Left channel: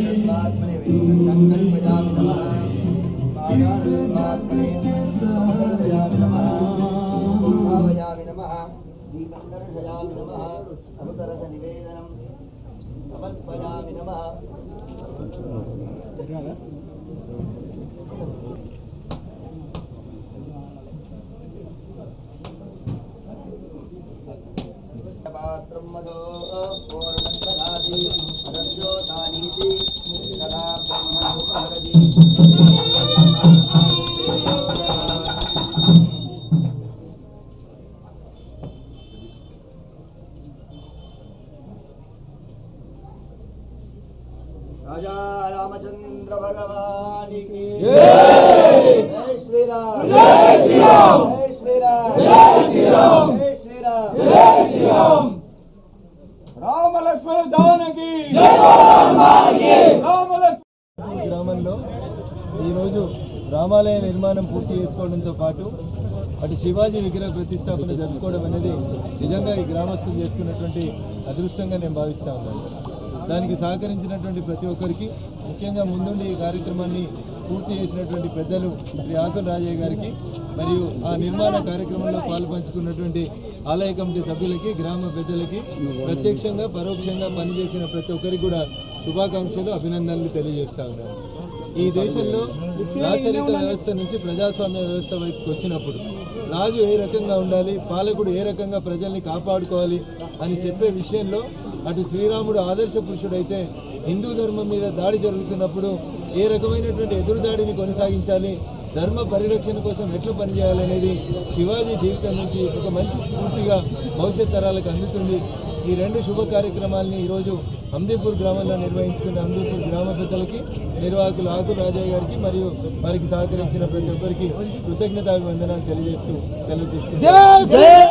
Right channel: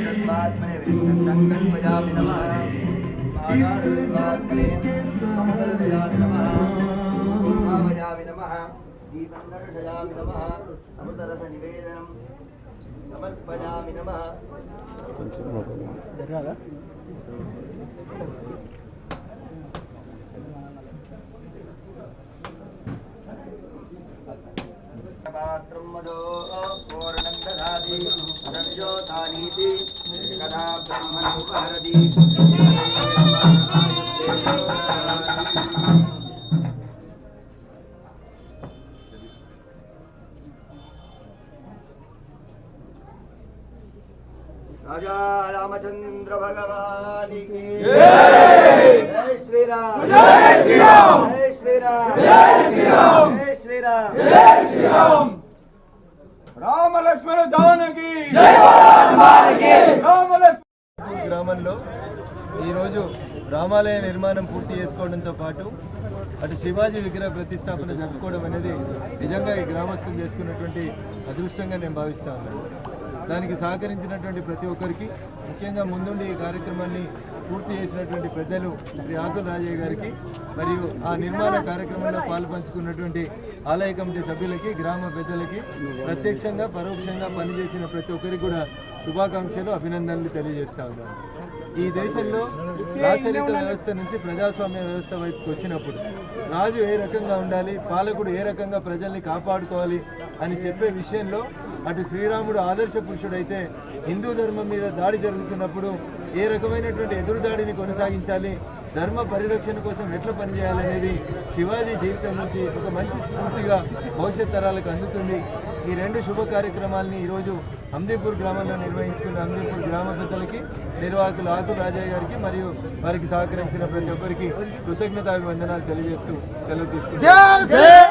तत्त्वात्मने विष्णुं कल्पयामि नमः। मादानतत्त्वात्मने कल्पयामि नमः। भावयामि नमः। दीपं दर्शयामि नमः। अमृतरसनिवेदनं समर्पयामि नमः। पात्रं मदो पूर्णं ददाति रविजोतानीति कदा ब्रह्मणोपहरति राजा रामचंद्र भगवान की जय श्री राम जय श्री राम ఈరోజు రామాలయ నిర్మాణం పూర్తి చేసుకోవడంతో పాటు అటు శివాజీ విగ్రహ ప్రతిష్టాపన జరుపుకోవడం అనేది నిజంగా ఈ గ్రామస్తులు చేసుకున్నటువంటి అదృష్టంగా నేను భావిస్తూ ఉన్నాను. దానికి సహకరించినటువంటి ప్రతి ఒక్కరికి ముఖ్యంగా ముందుండి ఈ కార్యక్రమాన్ని పూర్తి చేసినటువంటి పెద్దలు శ్రీ ఆకుల రాజయ్య గారికి మరియు ఆ నిర్మాణ కార్యక్రమంలో పాల్పంచుకున్నటువంటి ఆలయ కమిటీ సభ్యులకి గ్రామ పెద్దలకి ప్రత్యక్షంగా పరోక్షంగా పనిచేసిన ప్రతి ఒక్కరికి కూడా శుభాకాంక్షలు అభినందనలు తెలియజేస్తా ఉన్నాను ఈ దేశంలో రాచరిక వ్యవస్థ నుంచి ప్రజాస్వామ్య వ్యవస్థ వైపుకి వచ్చినప్పుడు రాజు ఏ రకంగా ఉండాలి పాలకుడు ఏ రకంగా ప్రజల్ని కాపాడుకోవాలి అని చెప్పే విషయంలో అటు శ్రీరాముడు ఆదర్శ పురుషుడైతే హిందూ ధర్మం మీద దాడి జరుగుతున్నప్పుడు ఏ రకమైనటువంటి ఎదురుదాడిని కొనసాగించాలి ధర్మ పరిరక్షణ కోసం ఎట్లా పనిచేయాలనేది శివాజీ జీవితం నుంచి ఒక మంచి స్ఫూర్తిగా భవిష్యత్ తరాలకు అందుతుంది. ఈ రెండు శుభ కార్యక్రమాలని ఈరోజు అందీపూర్ గ్రామంలో నిర్వహించుకున్న అందీపూర్ గ్రామ పెద్దలకి నిర్వాహకులు ఆకుల రాజయ్య గారికి మరియు వారికి సహకరించిన ప్రతి ఒక్కరికి కృతజ్ఞతాభివందనాలు తెలియజేస్తూ సెలవు తీసుకుంటారు